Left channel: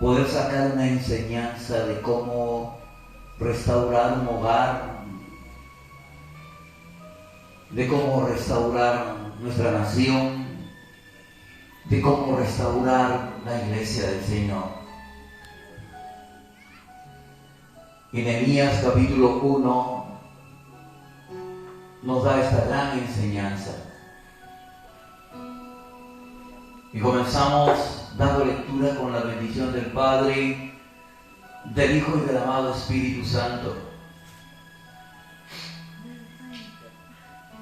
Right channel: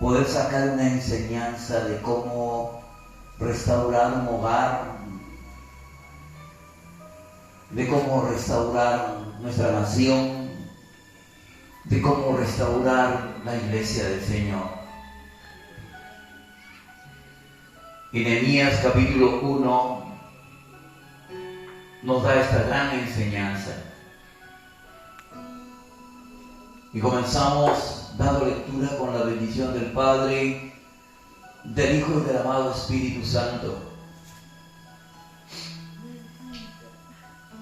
poder sacar una enseñanza de cómo restaurar un hogar, de cómo restaurar nuestra nación, de cómo restaurar la iglesia del Señor. Y Nehemías capítulo 1 nos da esta gran enseñanza. Y comenzamos dando lectura con la bendición del Padre, del Hijo y del amado Espíritu Santo.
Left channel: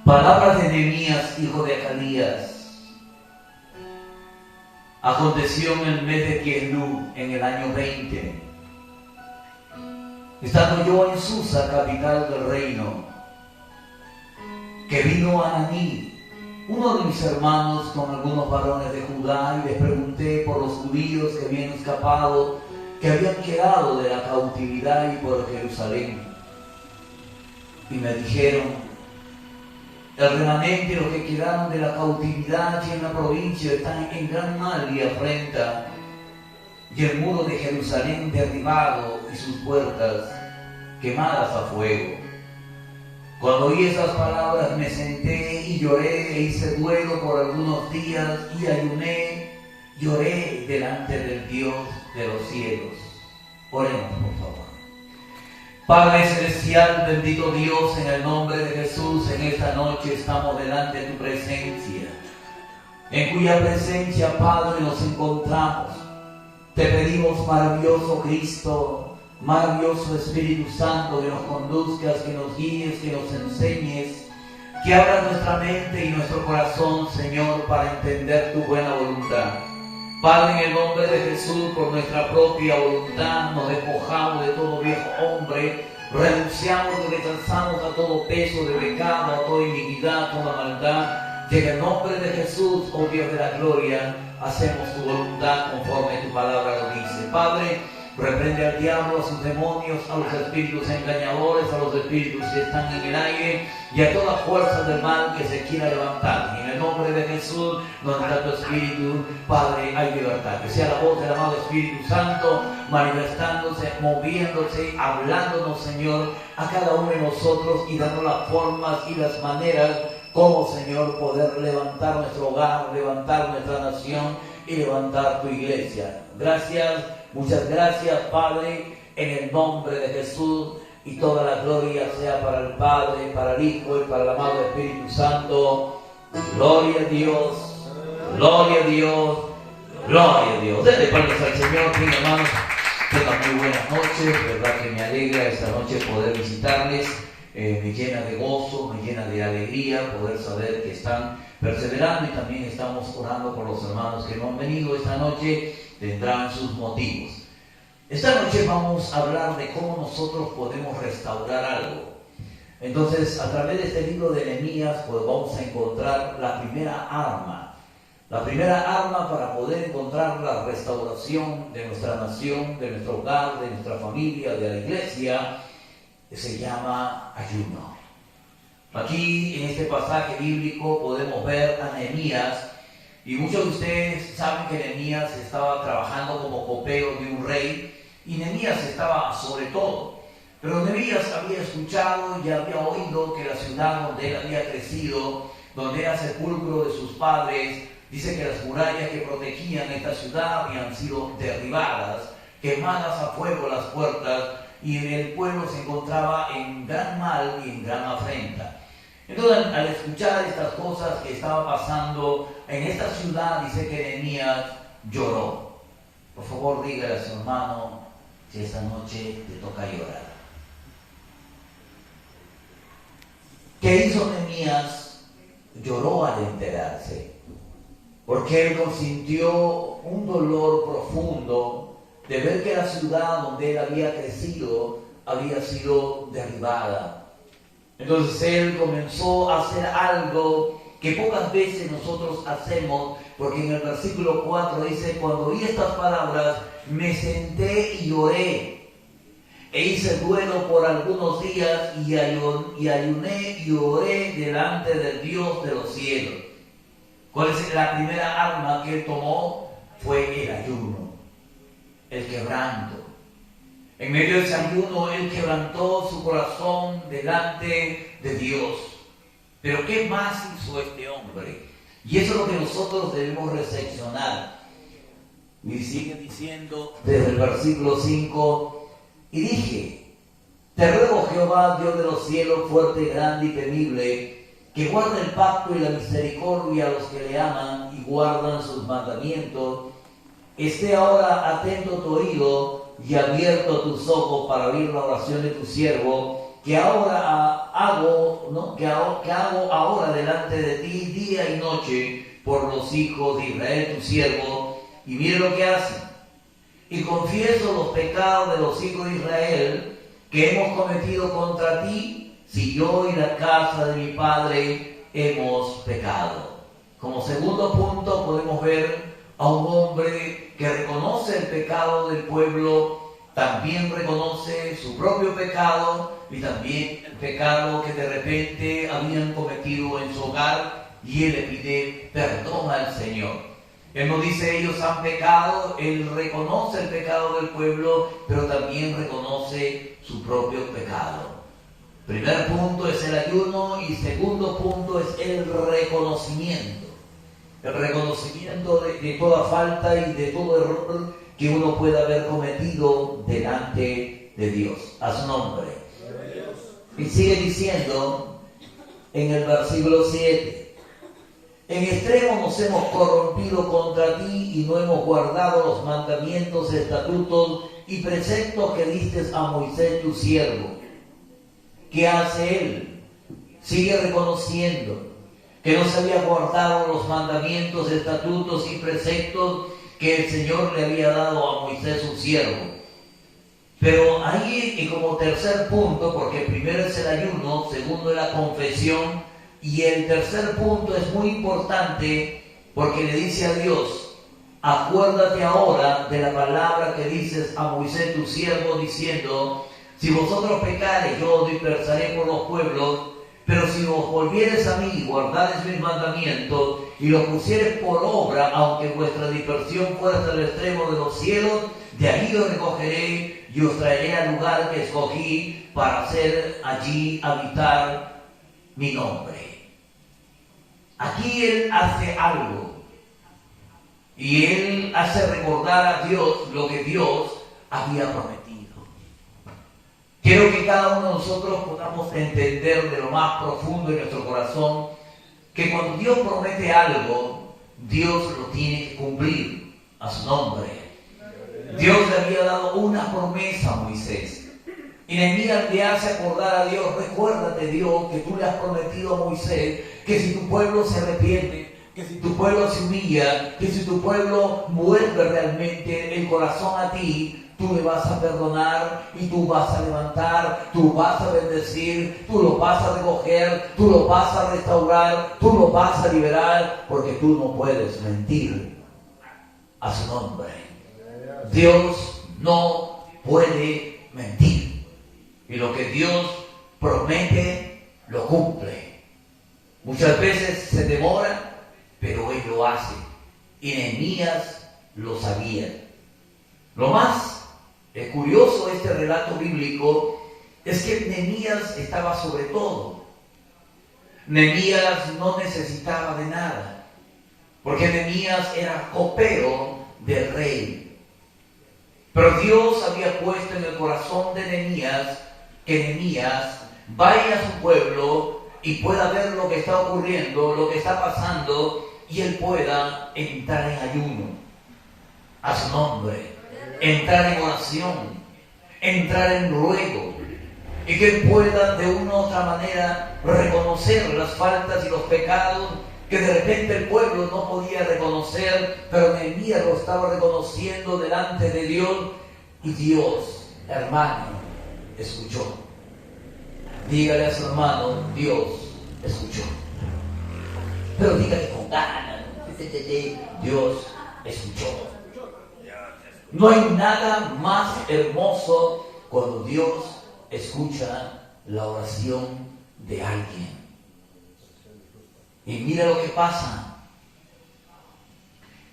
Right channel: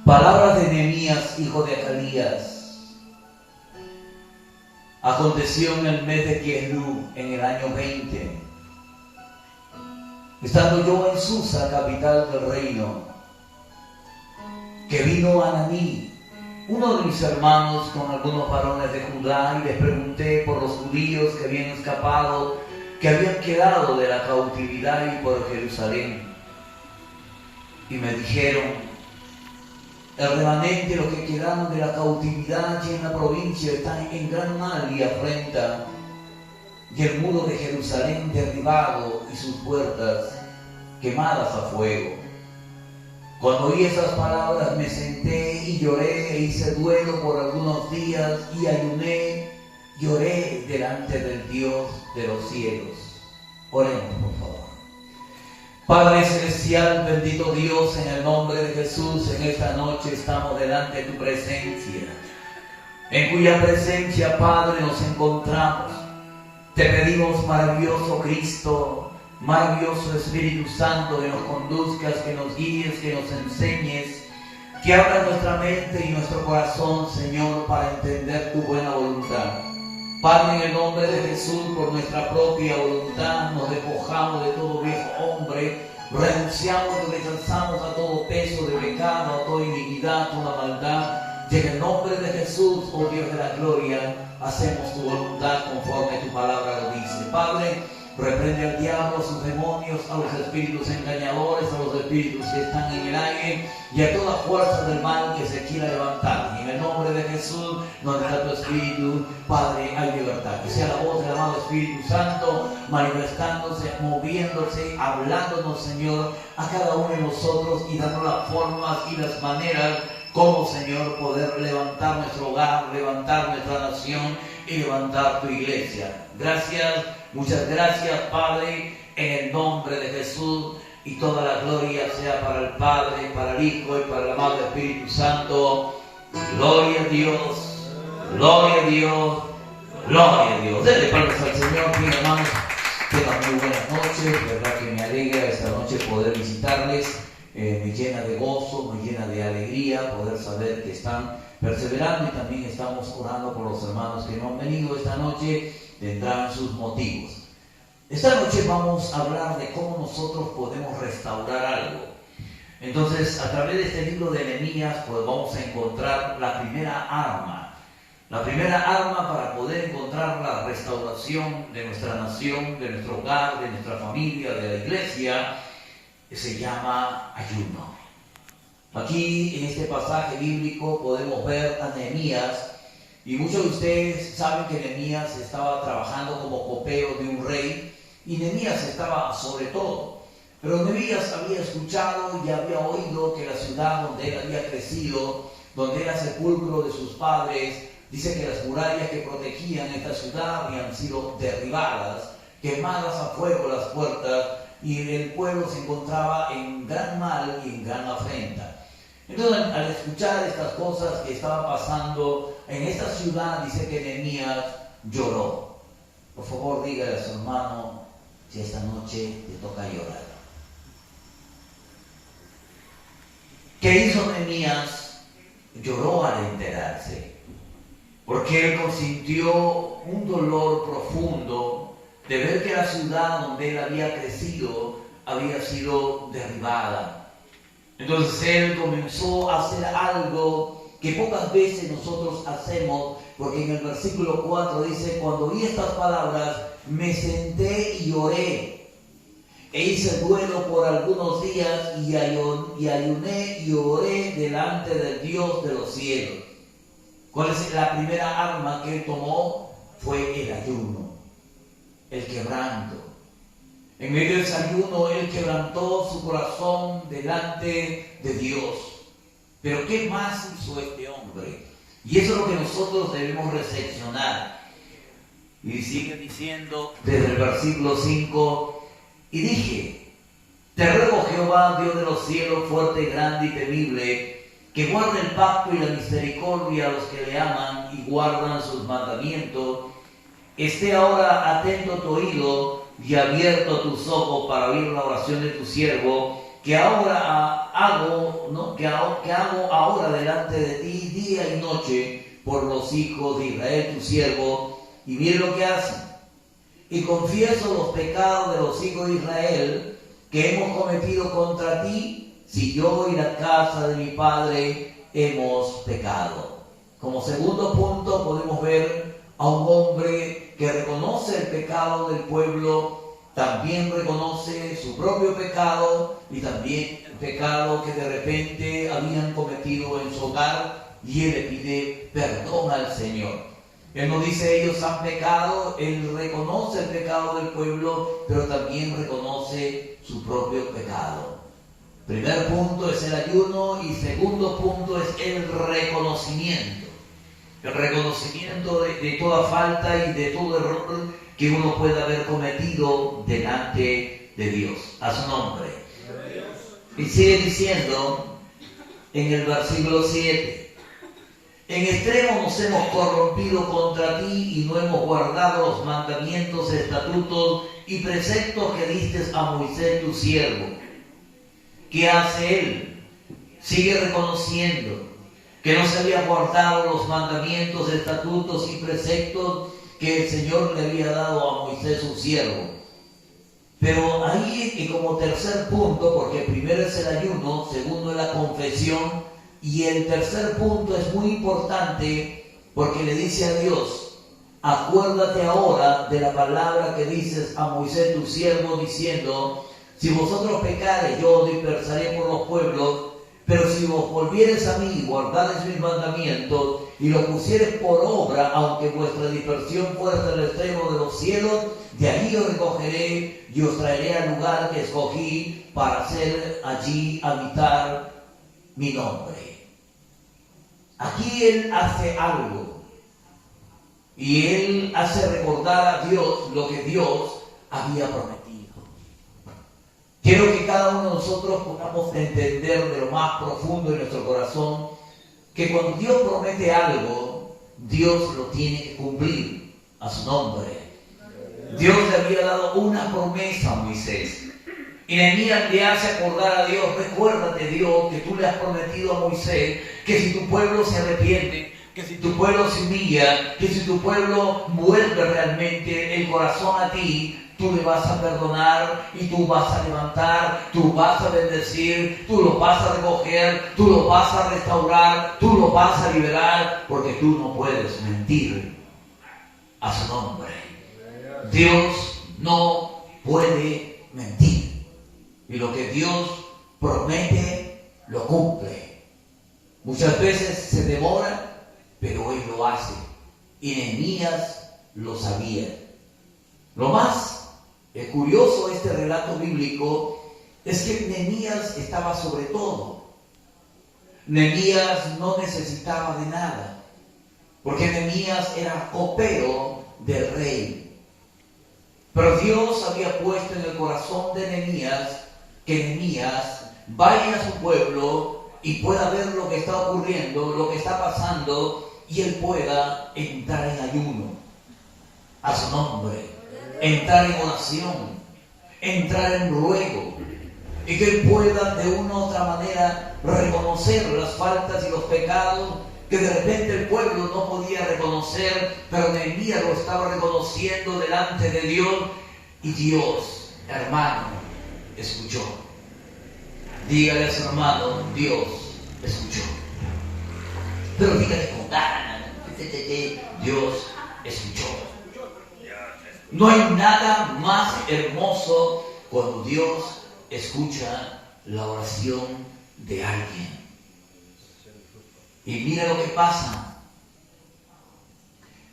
Palabras de Nehemías, hijo de Acalías. Aconteció en el mes de Kislev, en el año 20, estando yo en Susa, capital del reino, que vino Ananí, uno de mis hermanos, con algunos varones de Judá, y les pregunté por los judíos que habían escapado, que habían quedado de la cautividad y por Jerusalén. Y me dijeron: el remanente, los que quedaron de la cautividad y en la provincia, están en gran mal y afrenta, y el muro de Jerusalén derribado y sus puertas quemadas a fuego. Cuando oí esas palabras me senté y lloré e hice duelo por algunos días y ayuné, lloré delante del Dios de los cielos. Oremos, por favor. Padre celestial, bendito Dios, en el nombre de Jesús, en esta noche estamos delante de tu presencia, en cuya presencia, Padre, nos encontramos. Te pedimos, maravilloso Cristo, maravilloso Espíritu Santo, que nos conduzcas, que nos guíes, que nos enseñes, que abras nuestra mente y nuestro corazón, Señor, para entender tu buena voluntad. Padre, en el nombre de Jesús, por nuestra propia voluntad, nos despojamos de todo viejo hombre, renunciamos y rechazamos a todo peso de pecado, a toda iniquidad, a toda maldad. Y en el nombre de Jesús, oh Dios de la gloria, hacemos tu voluntad conforme tu palabra lo dice. Padre, reprende al diablo, a sus demonios, a los espíritus engañadores, a los espíritus que están en el aire y a toda fuerza del mal que se quiera levantar. Y en el nombre de Jesús, donde está tu espíritu, Padre, hay libertad. Que sea la voz del amado Espíritu Santo manifestándose, moviéndose, hablándonos, Señor, a cada uno de nosotros y dando las formas y las maneras como, Señor, poder levantar nuestro hogar, levantar nuestra nación y levantar tu iglesia. Gracias. Muchas gracias, Padre, en el nombre de Jesús, y toda la gloria sea para el Padre, para el Hijo y para el amado Espíritu Santo. Gloria a Dios, gloria a Dios, gloria a Dios. Denle palmas al Señor, mis hermanos. Tengan muy buenas noches, verdad que me alegra esta noche poder visitarles. Me llena de gozo, me llena de alegría poder saber que están perseverando, y también estamos orando por los hermanos que no han venido esta noche. Tendrán sus motivos. Esta noche vamos a hablar de cómo nosotros podemos restaurar algo. Entonces, a través de este libro de Nehemías, pues vamos a encontrar la primera arma. La primera arma para poder encontrar la restauración de nuestra nación, de nuestro hogar, de nuestra familia, de la iglesia, se llama ayuno. Aquí, en este pasaje bíblico, podemos ver a Nehemías. Y muchos de ustedes saben que Nehemías estaba trabajando como copero de un rey, y Nehemías estaba sobre todo. Pero Nehemías había escuchado y había oído que la ciudad donde él había crecido, donde era sepulcro de sus padres, dice que las murallas que protegían esta ciudad habían sido derribadas, quemadas a fuego las puertas, y el pueblo se encontraba en gran mal y en gran afrenta. Entonces, al escuchar estas cosas que estaban pasando en esta ciudad, dice que Nehemías lloró. Por favor, dígale a su hermano si esta noche te toca llorar. ¿Qué hizo Nehemías? Lloró al enterarse, porque él sintió un dolor profundo de ver que la ciudad donde él había crecido había sido derribada. Entonces él comenzó a hacer algo que pocas veces nosotros hacemos, porque en el versículo 4 dice: cuando oí estas palabras me senté y lloré, e hice duelo por algunos días, y ayuné y oré delante del Dios de los cielos. ¿Cuál es la primera arma que él tomó? Fue el ayuno. el quebranto. En medio del ayuno, él quebrantó su corazón delante de Dios. Pero ¿qué más hizo este hombre? Y eso es lo que nosotros debemos reflexionar. Y sigue diciendo desde el versículo 5, y dije, te ruego Jehová, Dios de los cielos, fuerte, grande y temible, que guarde el pacto y la misericordia a los que le aman y guardan sus mandamientos, esté ahora atento tu oído y abierto tus ojos para oír la oración de tu siervo, que ahora hago, que hago ahora delante de ti día y noche por los hijos de Israel tu siervo, y mire lo que hacen. Y confieso los pecados de los hijos de Israel que hemos cometido contra ti, si yo y la casa de mi padre hemos pecado. Como segundo punto podemos ver a un hombre que reconoce el pecado del pueblo, también reconoce su propio pecado y también el pecado que de repente habían cometido en su hogar, y él le pide perdón al Señor. Él no dice ellos han pecado, él reconoce el pecado del pueblo, pero también reconoce su propio pecado. Primer punto es el ayuno y segundo punto es el reconocimiento. El reconocimiento de toda falta y de todo error que uno pueda haber cometido delante de Dios. A su nombre. Y sigue diciendo en el versículo 7. En extremo nos hemos corrompido contra ti y no hemos guardado los mandamientos, estatutos y preceptos que diste a Moisés tu siervo. ¿Qué hace él? Sigue reconociendo que no se había guardado los mandamientos, estatutos y preceptos que el Señor le había dado a Moisés su siervo. Pero ahí, y como tercer punto, porque primero es el ayuno, segundo es la confesión, y el tercer punto es muy importante porque le dice a Dios, acuérdate ahora de la palabra que dices a Moisés tu siervo, diciendo, si vosotros pecareis, yo os dispersaré por los pueblos, pero si os volviereis a mí y guardareis mis mandamientos y los pusiereis por obra, aunque vuestra dispersión fuera hasta el extremo de los cielos, de ahí os recogeré y os traeré al lugar que escogí para hacer allí habitar mi nombre. Aquí él hace algo y él hace recordar a Dios lo que Dios había prometido. Quiero que cada uno de nosotros podamos entender de lo más profundo de nuestro corazón que cuando Dios promete algo, Dios lo tiene que cumplir. A su nombre. Dios le había dado una promesa a Moisés. Y Nehemías le hace acordar a Dios, recuérdate Dios que tú le has prometido a Moisés que si tu pueblo se arrepiente, que si tu pueblo se humilla, que si tu pueblo vuelve realmente el corazón a ti, tú le vas a perdonar y tú vas a levantar, tú vas a bendecir, tú lo vas a recoger, tú lo vas a restaurar, tú lo vas a liberar, porque tú no puedes mentir. A su nombre. Dios no puede mentir. Y lo que Dios promete, lo cumple. Muchas veces se demora, pero Él lo hace. Y Nehemías lo sabía. Lo más curioso de este relato bíblico es que Nehemías estaba sobre todo. Nehemías no necesitaba de nada, porque Nehemías era copero del rey. Pero Dios había puesto en el corazón de Nehemías que Nehemías vaya a su pueblo y pueda ver lo que está ocurriendo, lo que está pasando, y él pueda entrar en ayuno a su nombre, entrar en oración, entrar en ruego, y que él pueda de una u otra manera reconocer las faltas y los pecados que de repente el pueblo no podía reconocer, pero Nehemías lo estaba reconociendo delante de Dios, y Dios, hermano, escuchó. Dígale a su hermano, Dios escuchó. Pero dígale con ganas, Dios escuchó. No hay nada más hermoso cuando Dios escucha la oración de alguien. Y mira lo que pasa.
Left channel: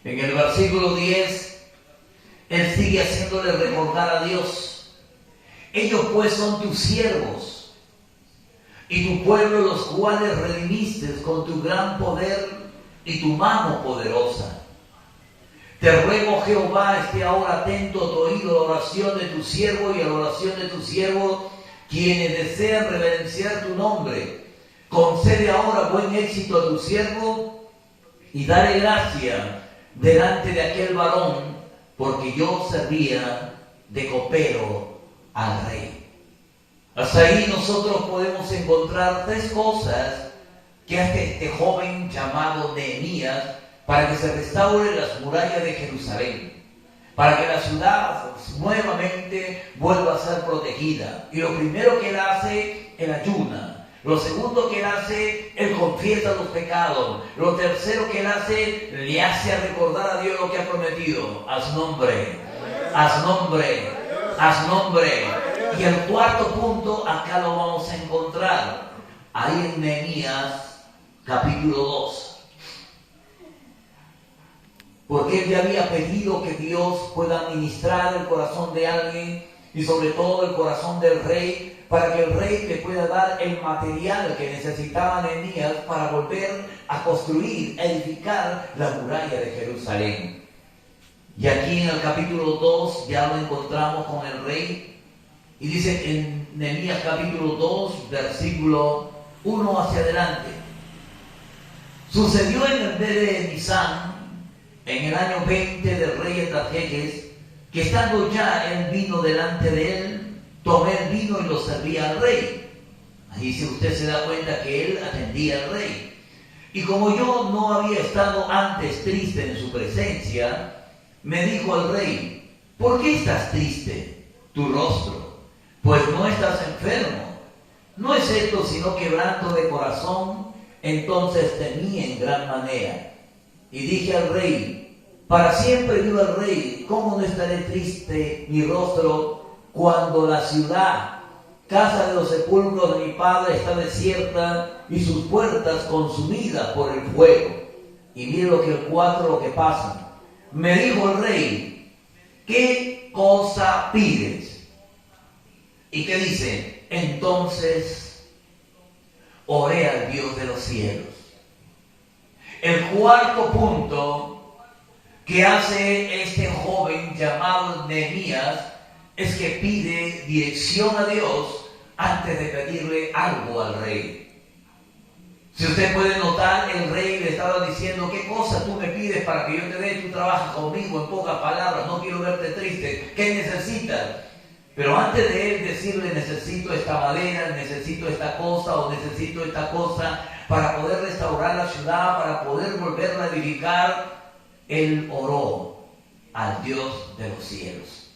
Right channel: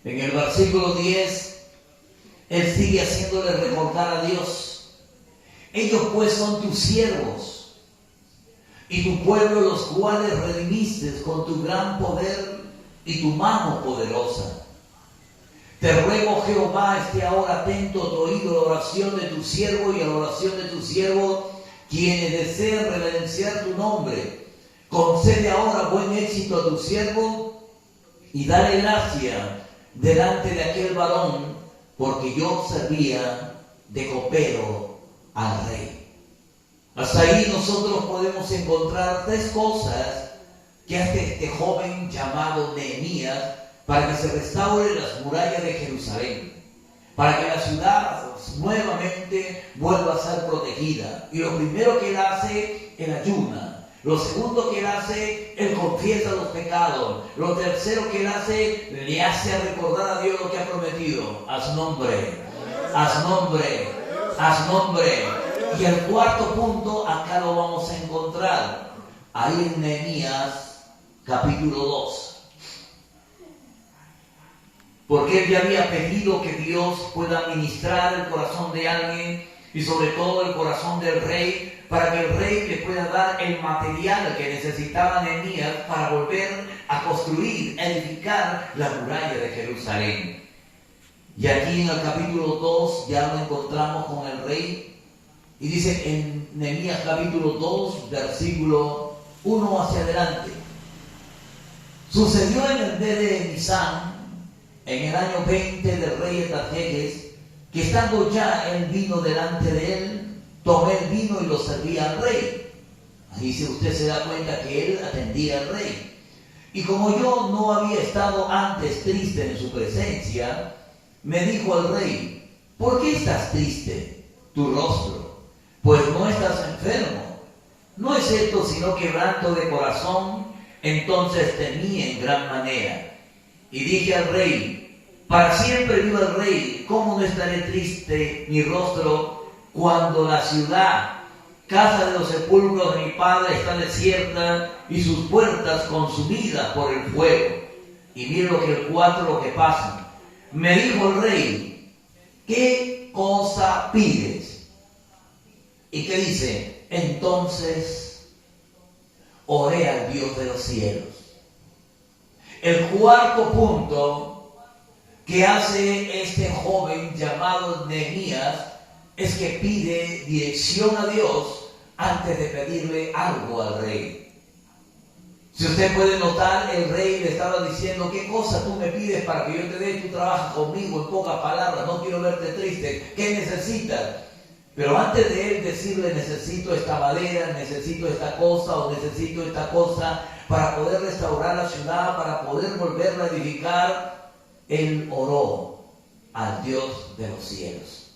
En el versículo 10 Él sigue haciéndole recordar a Dios. Ellos pues son tus siervos y tu pueblo, los cuales redimiste con tu gran poder y tu mano poderosa. Te ruego, Jehová, esté ahora atento a tu oído a la oración de tu siervo y a la oración de tu siervo, quienes desean reverenciar tu nombre. Concede ahora buen éxito a tu siervo y dale gracia delante de aquel varón, porque yo servía de copero al rey. Hasta ahí nosotros podemos encontrar tres cosas que hace este joven llamado Nehemías para que se restauren las murallas de Jerusalén, para que la ciudad nuevamente vuelva a ser protegida. Y lo primero que él hace, él ayuna. Lo segundo que él hace, él confiesa los pecados. Lo tercero que él hace, le hace recordar a Dios lo que ha prometido. Haz nombre, haz nombre, haz nombre. Y el cuarto punto, acá lo vamos a encontrar, ahí en Nehemías capítulo 2. Porque él ya había pedido que Dios pueda administrar el corazón de alguien y sobre todo el corazón del rey, para que el rey le pueda dar el material que necesitaba Nehemías para volver a construir, a edificar la muralla de Jerusalén. Y aquí en el capítulo 2 ya lo encontramos con el rey, y dice en Nehemías capítulo 2, versículo 1 hacia adelante: sucedió en el mes de Nisán, en el año 20 del rey Artajerjes, que estando ya el vino delante de él, tomé el vino y lo serví al rey. Ahí si usted se da cuenta que él atendía al rey. Y como yo no había estado antes triste en su presencia, me dijo al rey: ¿por qué estás triste tu rostro? Pues no estás enfermo. No es esto sino quebranto de corazón. Entonces temí en gran manera. Y dije al rey: para siempre viva el rey, ¿cómo no estaré triste mi rostro cuando la ciudad, casa de los sepulcros de mi padre, está desierta y sus puertas consumidas por el fuego? Y mire lo que el 4 lo que pasa. Me dijo el rey: ¿qué cosa pides? ¿Y qué dice? Entonces oré al Dios de los cielos. El cuarto punto que hace este joven llamado Nehemías es que pide dirección a Dios antes de pedirle algo al rey. Si usted puede notar, el rey le estaba diciendo: ¿qué cosa tú me pides para que yo te dé? Tú trabajas conmigo, en pocas palabras, no quiero verte triste. ¿Qué necesitas? Pero antes de él decirle: necesito esta madera, necesito esta cosa o necesito esta cosa para poder restaurar la ciudad, para poder volverla a edificar, él oró al Dios de los cielos.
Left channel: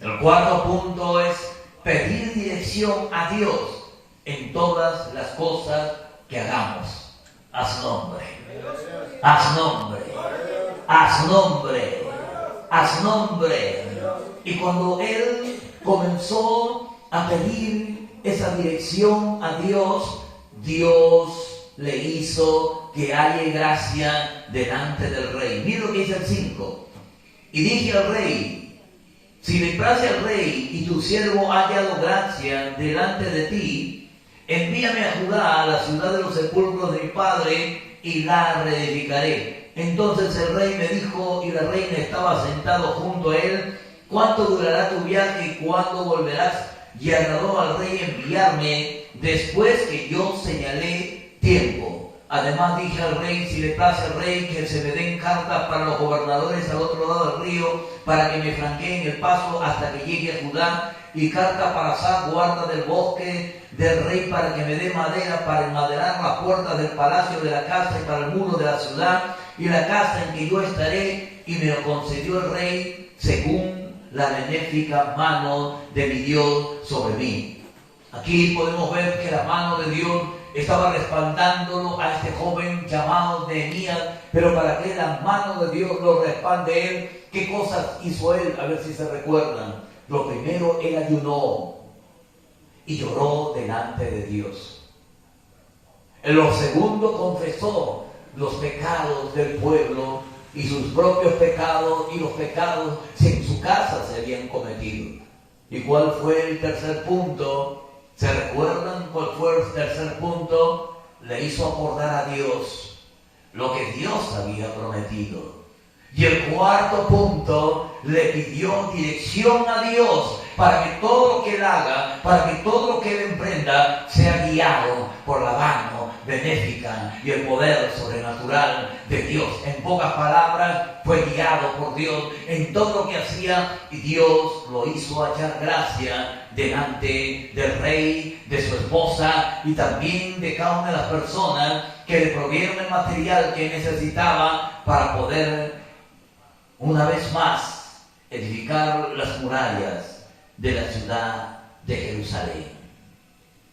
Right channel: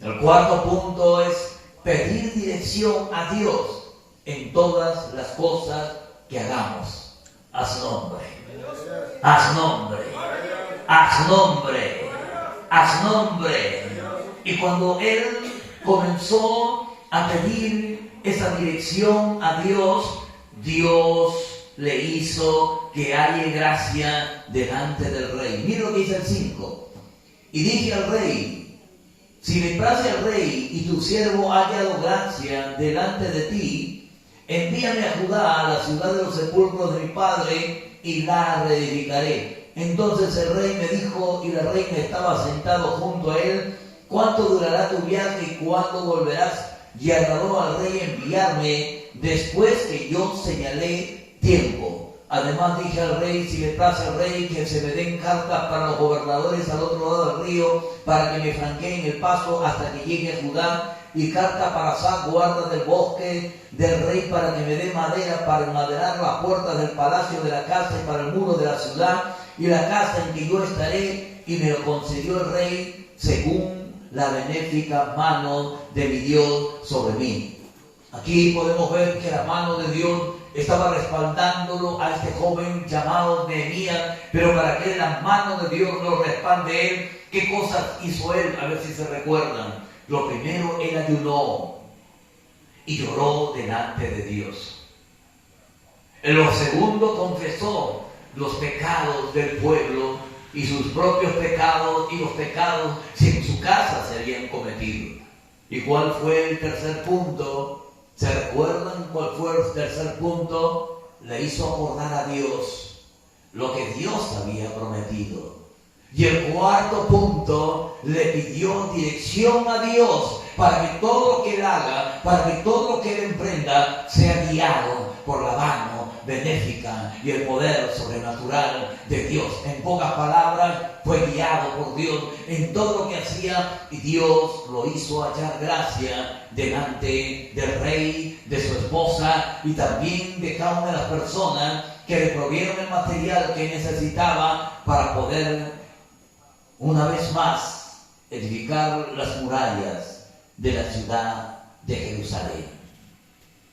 El cuarto punto es pedir dirección a Dios en todas las cosas que hagamos. Haz nombre, haz nombre, haz nombre, haz nombre. Y cuando él comenzó a pedir esa dirección a Dios, Dios le hizo que halle gracia delante del rey. Mira lo que dice el 5. Y dije al rey: si le place al rey y tu siervo ha hallado gracia delante de ti, envíame a Judá, a la ciudad de los sepulcros de mi padre, y la reedificaré. Entonces el rey me dijo, y la reina estaba sentado junto a él: ¿cuánto durará tu viaje y cuándo volverás? Y agradó al rey enviarme después que yo señalé tiempo. Además dije al rey: si le place al rey, que se me den cartas para los gobernadores al otro lado del río, para que me franqueen el paso hasta que llegue a Judá, y carta para Asaf, guarda del bosque del rey, para que me dé madera para enmaderar las puertas del palacio de la casa y para el muro de la ciudad y la casa en que yo estaré. Y me lo concedió el rey según la benéfica mano de mi Dios sobre mí. Aquí podemos ver que la mano de Dios estaba respaldándolo a este joven llamado Nehemías, pero para que la mano de Dios lo respalde él, ¿qué cosas hizo él? A ver si se recuerdan. Lo primero, él ayunó y lloró delante de Dios. En lo segundo, confesó los pecados del pueblo y sus propios pecados y los pecados, si en su casa se habían cometido. ¿Y cuál fue el tercer punto? ¿Se recuerdan cuál fue el tercer punto? Le hizo acordar a Dios lo que Dios había prometido. Y el cuarto punto, le pidió dirección a Dios para que todo lo que él haga, para que todo lo que él emprenda, sea guiado por la mano benéfica y el poder sobrenatural de Dios. En pocas palabras, fue guiado por Dios en todo lo que hacía, y Dios lo hizo hallar gracia delante del rey, de su esposa y también de cada una de las personas que le provieron el material que necesitaba para poder una vez más edificar las murallas de la ciudad de Jerusalén.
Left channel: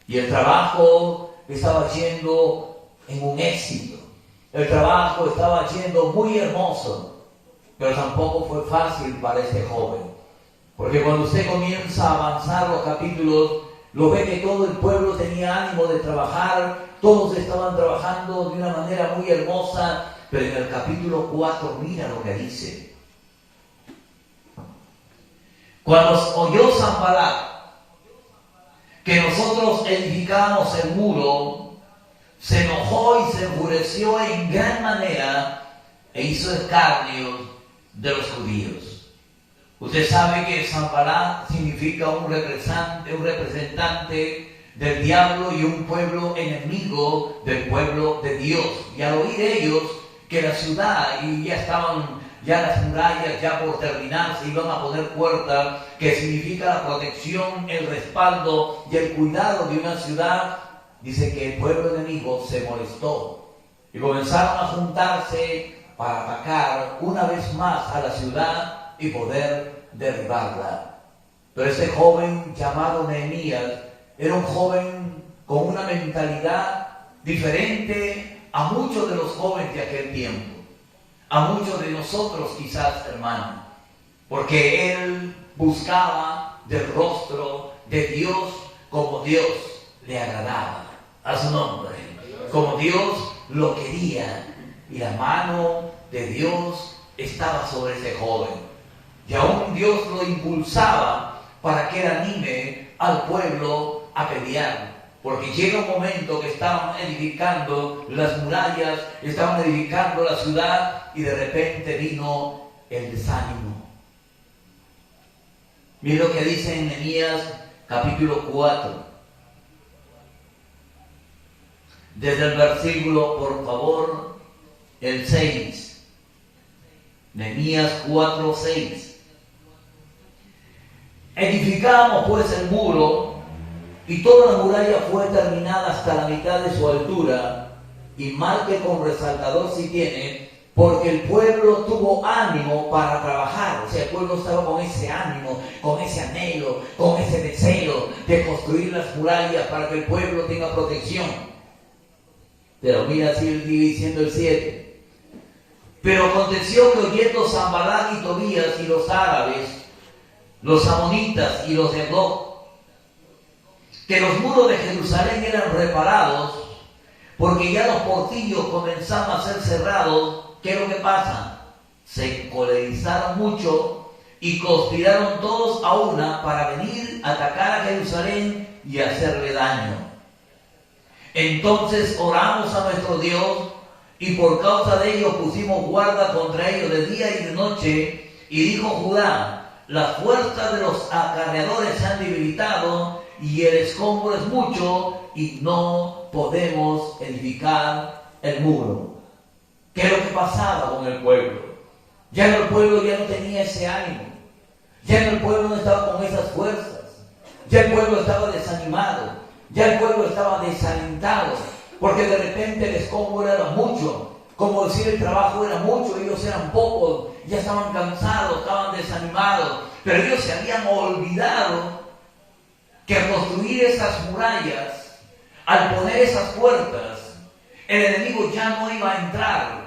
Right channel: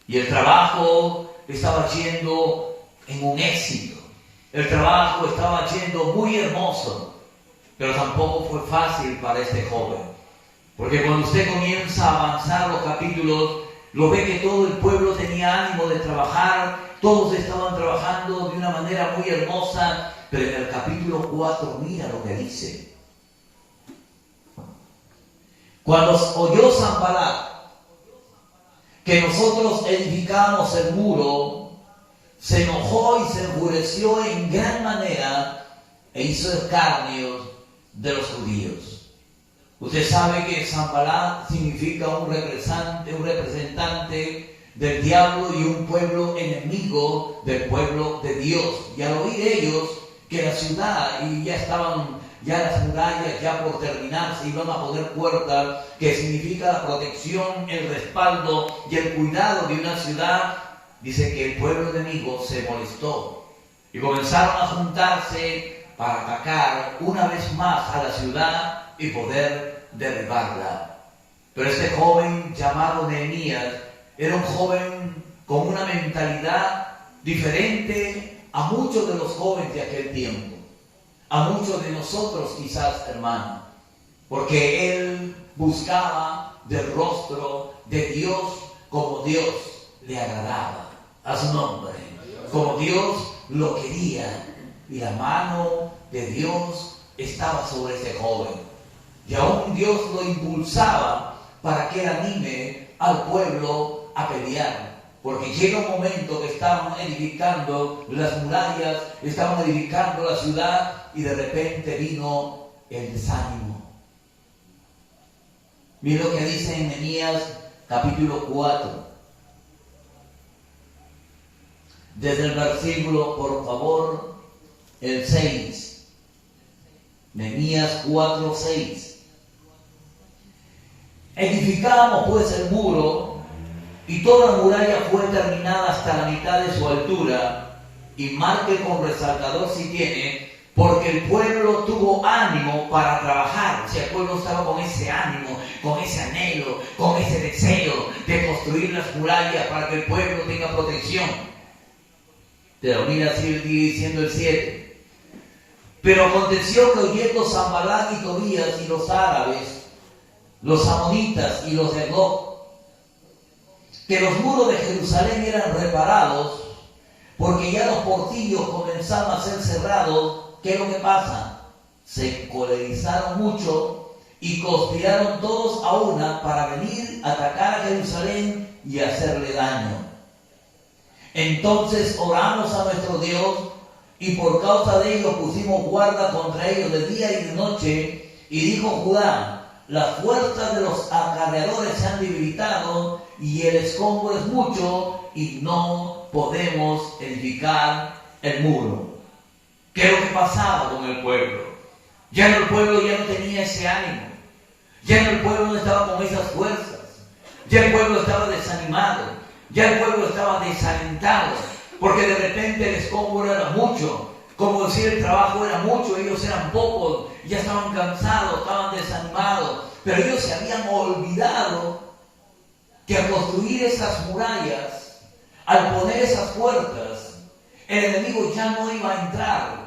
Y el trabajo estaba yendo en un éxito. El trabajo estaba yendo muy hermoso, pero tampoco fue fácil para este joven. Porque cuando usted comienza a avanzar los capítulos, lo ve que todo el pueblo tenía ánimo de trabajar, todos estaban trabajando de una manera muy hermosa, pero en el capítulo 4 mira lo que dice. Cuando oyó Sanbalat que nosotros edificamos el muro, se enojó y se enfureció en gran manera e hizo escarnio de los judíos. Usted sabe que Sanbalat significa un representante del diablo y un pueblo enemigo del pueblo de Dios. Y al oír ellos que la ciudad y ya las murallas, ya por terminarse, iban a poner puertas, que significa la protección, el respaldo y el cuidado de una ciudad, dice que el pueblo enemigo se molestó y comenzaron a juntarse para atacar una vez más a la ciudad y poder derribarla. Pero este joven llamado Nehemías era un joven con una mentalidad diferente a muchos de los jóvenes de aquel tiempo. A muchos de nosotros quizás, hermano, porque él buscaba del rostro de Dios como Dios le agradaba a su nombre, como Dios lo quería, y la mano de Dios estaba sobre ese joven, y aún Dios lo impulsaba para que anime al pueblo a pelear. Porque llega un momento que estaban edificando las murallas, estaban edificando la ciudad, y de repente vino el desánimo. Mira lo que dice en Nehemías capítulo 4. Desde el versículo, por favor, el 6. Nehemías 4, 6. Edificamos pues el muro, y toda la muralla fue terminada hasta la mitad de su altura, y marque con resaltador si tiene, porque el pueblo tuvo ánimo para trabajar. O sea, el pueblo estaba con ese ánimo, con ese anhelo, con ese deseo de construir las murallas para que el pueblo tenga protección. Pero mira, sigue diciendo el 7. Pero aconteció que oyendo Sanbalat y Tobías y los árabes, los amonitas y los de Gog, que los muros de Jerusalén eran reparados, porque ya los portillos comenzaban a ser cerrados, ¿qué es lo que pasa? Se encolerizaron mucho y conspiraron todos a una para venir a atacar a Jerusalén y hacerle daño. Entonces oramos a nuestro Dios, y por causa de ellos pusimos guarda contra ellos de día y de noche. Y dijo Judá: las fuerzas de los acarreadores se han debilitado, y el escombro es mucho, y no podemos edificar el muro. ¿Qué es lo que pasaba con el pueblo? Ya el pueblo ya no tenía ese ánimo, ya el pueblo no estaba con esas fuerzas, ya el pueblo estaba desanimado, ya el pueblo estaba desalentado, porque de repente el escombro era mucho, como decir el trabajo era mucho, ellos eran pocos, ya estaban cansados, estaban desanimados, pero ellos se habían olvidado que al construir esas murallas, al poner esas puertas, el enemigo ya no iba a entrar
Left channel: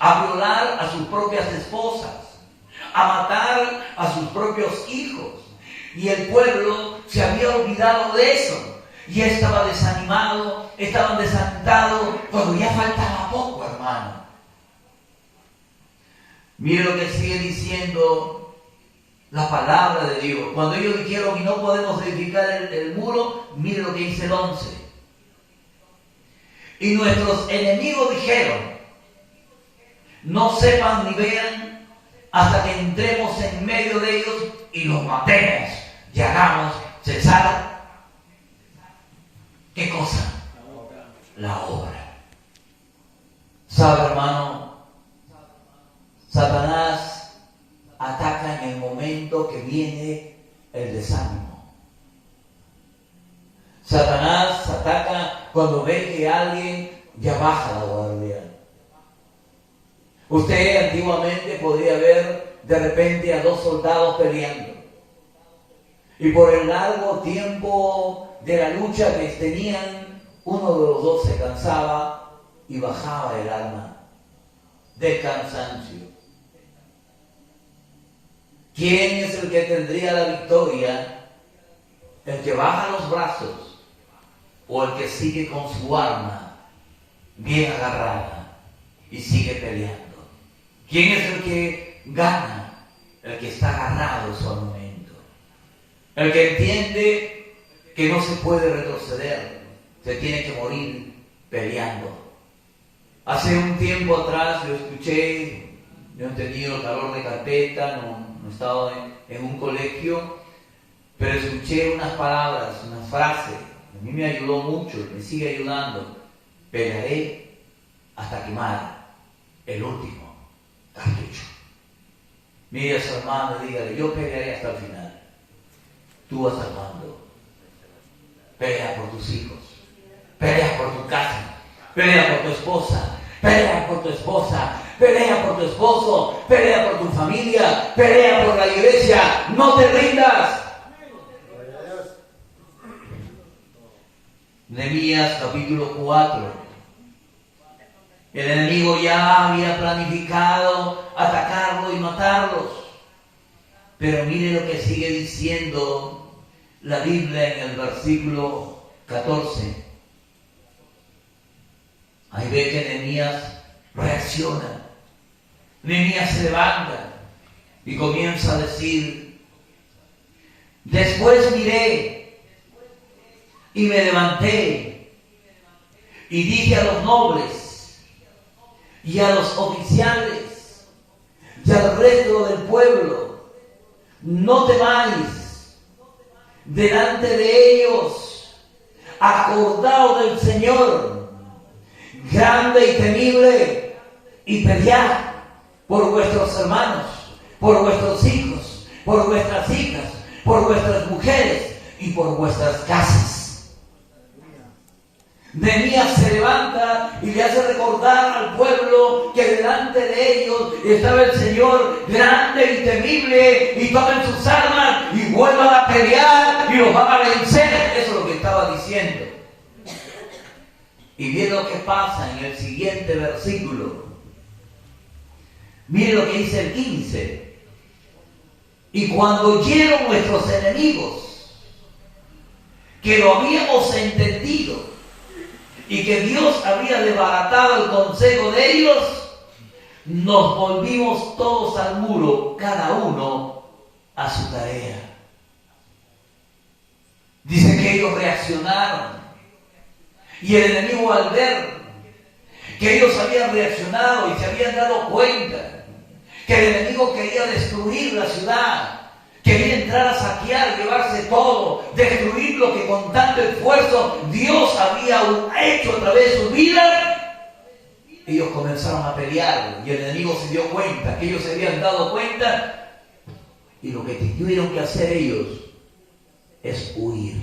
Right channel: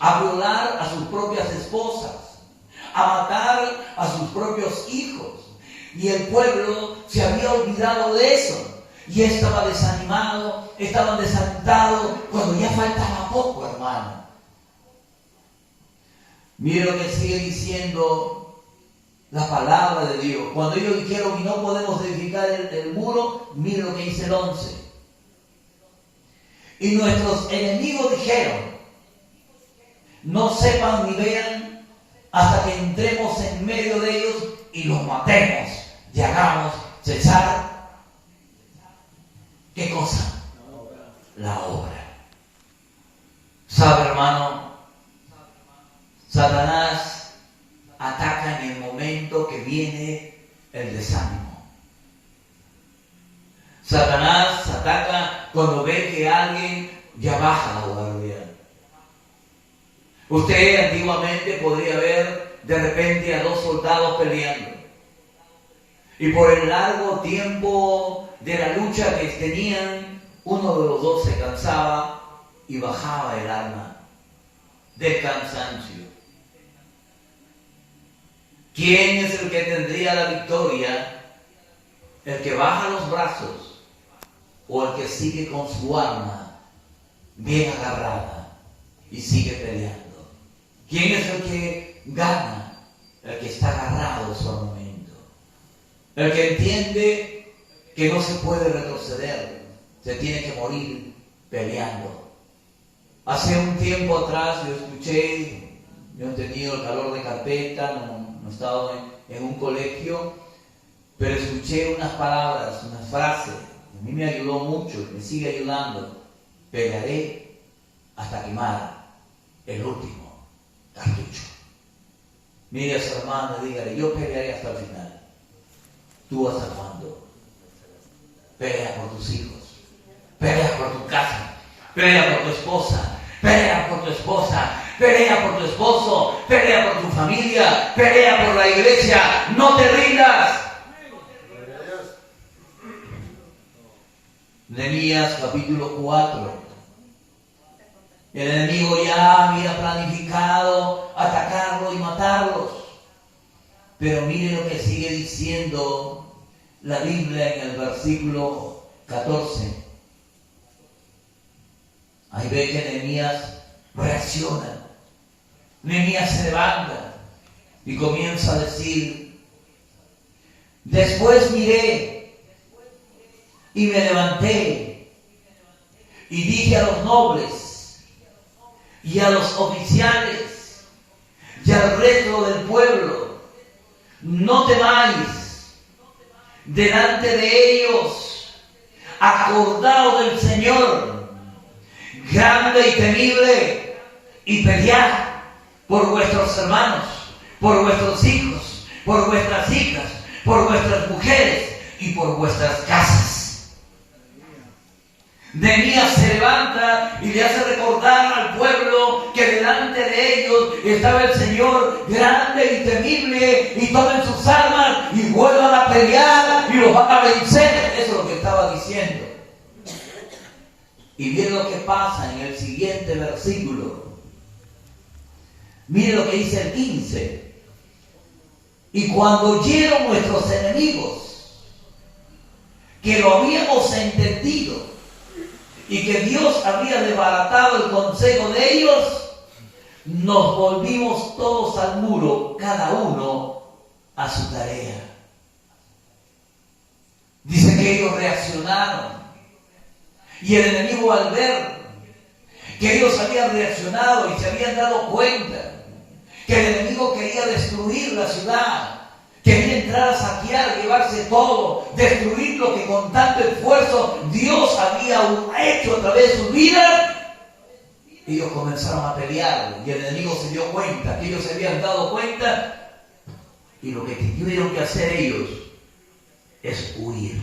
a violar a sus propias esposas, a matar a sus propios hijos. Y el pueblo se había olvidado de eso. Y estaba desanimado, estaban desalentados, cuando ya faltaba poco, hermano. Mire lo que sigue diciendo la palabra de Dios. Cuando ellos dijeron, y no podemos edificar el muro, miren lo que dice el 11. Y nuestros enemigos dijeron, no sepan ni vean hasta que entremos en medio de ellos y los matemos y hagamos cesar. ¿Qué cosa? La obra. ¿Sabe, hermano? Satanás ataca en el momento que viene el desánimo. Satanás ataca cuando ve que alguien ya baja la guardia. Usted antiguamente podría ver de repente a dos soldados peleando. Y por el largo tiempo de la lucha que tenían, uno de los dos se cansaba y bajaba el arma del cansancio. ¿Quién es el que tendría la victoria? ¿El que baja los brazos o el que sigue con su arma bien agarrada y sigue peleando? ¿Quién es el que gana? El que está agarrado en su armamento. El que entiende que no se puede retroceder, se tiene que morir peleando. Hace un tiempo atrás yo escuché, yo he tenido el calor de carpeta, no he estado en un colegio, pero escuché unas palabras, una frase, a mí me ayudó mucho y me sigue ayudando. Pelearé hasta quemar el último cartucho. Mire a su hermano y dígale, yo pelearé hasta el final. Tú hasta cuándo. Pelea por tus hijos, pelea por tu casa, pelea por tu esposa, pelea por tu esposa, pelea por tu esposo, pelea por tu familia, pelea por la iglesia. No te rindas. Nehemías capítulo 4. El enemigo ya había planificado atacarlo y matarlos. Pero mire lo que sigue diciendo la Biblia en el versículo 14. Ahí ve que Nehemías reacciona. Nehemías se levanta y comienza a decir, después miré y me levanté y dije a los nobles y a los oficiales y al resto del pueblo, no temáis delante de ellos, acordaos del Señor, grande y temible, y pelead por vuestros hermanos, por vuestros hijos, por vuestras hijas, por vuestras mujeres y por vuestras casas. Nehemías se levanta y le hace recordar al pueblo que delante de ellos estaba el Señor grande y temible, y tomen sus armas y vuelvan a pelear y los van a vencer. Eso es lo que estaba diciendo. Y miren lo que pasa en el siguiente versículo. Miren lo que dice el 15. Y cuando oyeron nuestros enemigos que lo habíamos entendido y que Dios había desbaratado el consejo de ellos, nos volvimos todos al muro, cada uno a su tarea. Dice que ellos reaccionaron. Y el enemigo, al ver que ellos habían reaccionado y se habían dado cuenta que el enemigo quería destruir la ciudad, quería entrar a saquear, llevarse todo, destruir lo que con tanto esfuerzo Dios había hecho a través de su vida, ellos comenzaron a pelear y el enemigo se dio cuenta, que ellos se habían dado cuenta, y lo que tuvieron que hacer ellos es huir.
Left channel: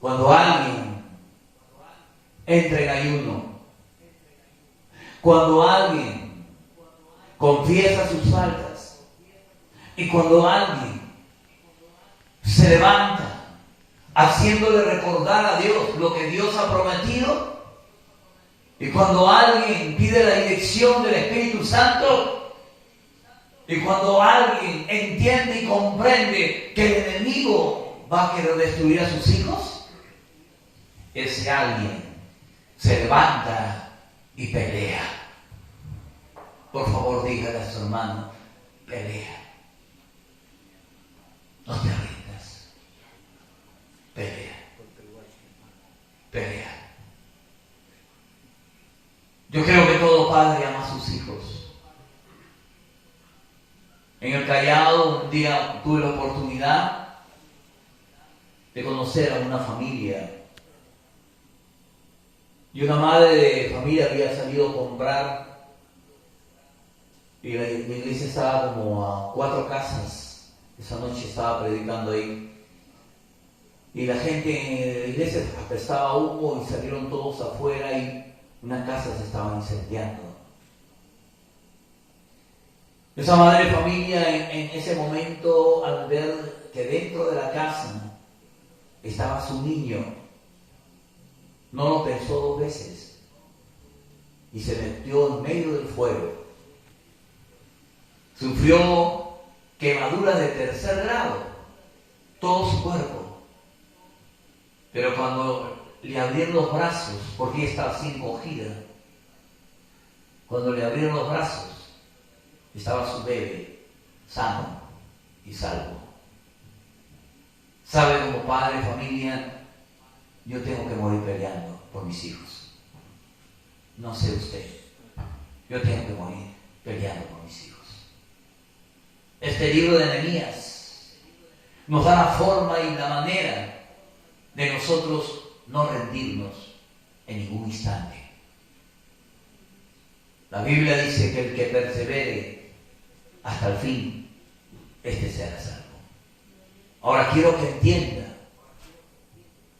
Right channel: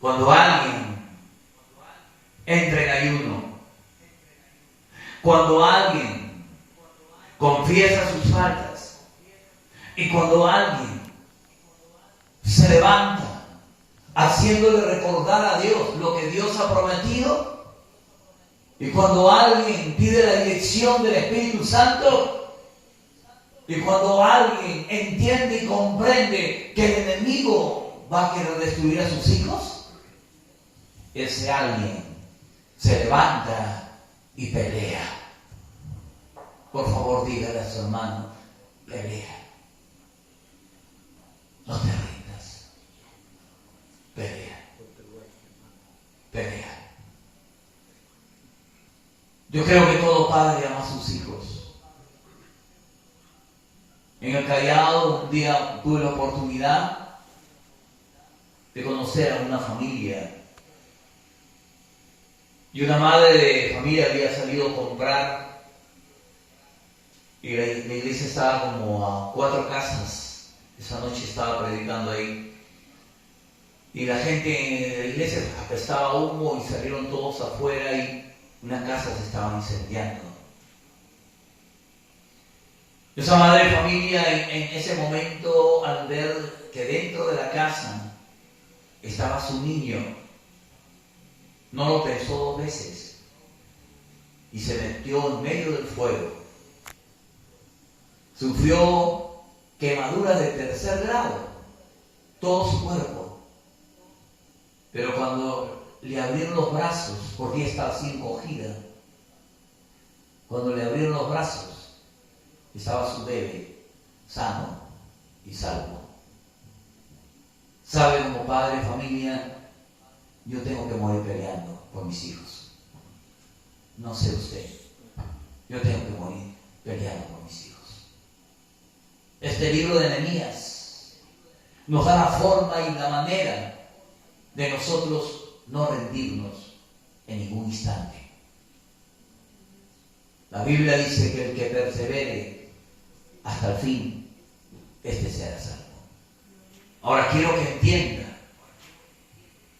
Cuando alguien entra en ayuno, cuando alguien confiesa sus faltas, y cuando alguien se levanta haciéndole recordar a Dios lo que Dios ha prometido, y cuando alguien pide la dirección del Espíritu Santo, y cuando alguien entiende y comprende que el enemigo va a querer destruir a sus hijos, ese alguien se levanta y pelea. Por favor, dígale a su hermano, pelea. No te rindas. Pelea. Pelea. Yo creo que todo padre ama a sus hijos. En el Callao un día tuve la oportunidad de conocer a una familia. Y una madre de familia había salido a comprar y la iglesia estaba como a 4 casas. Esa noche estaba predicando ahí. Y la gente en la iglesia apestaba humo y salieron todos afuera y unas casas se estaban incendiando. Esa madre de familia en ese momento, al ver que dentro de la casa estaba su niño, no lo pensó 2 veces y se metió en medio del fuego. Sufrió quemaduras de 3er grado, todo su cuerpo. Pero cuando le abrieron los brazos, porque ella estaba así encogida, cuando le abrieron los brazos, estaba su bebé sano y salvo. ¿Sabe? Como padre de familia, yo tengo que morir peleando por mis hijos. No sé usted, yo tengo que morir peleando por mis hijos. Este libro de Nehemías nos da la forma y la manera de nosotros no rendirnos en ningún instante. La Biblia dice que el que persevere hasta el fin, este será salvo. Ahora quiero que entienda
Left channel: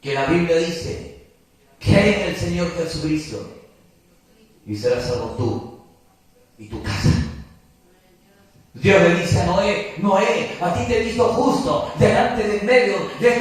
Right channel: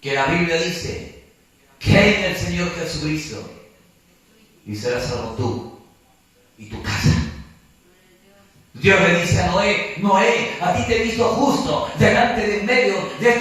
que la Biblia dice: cree en el Señor Jesucristo y serás salvo tú y tu casa. Dios le dice a Noé: Noé, a ti te he visto justo delante de en medio de esta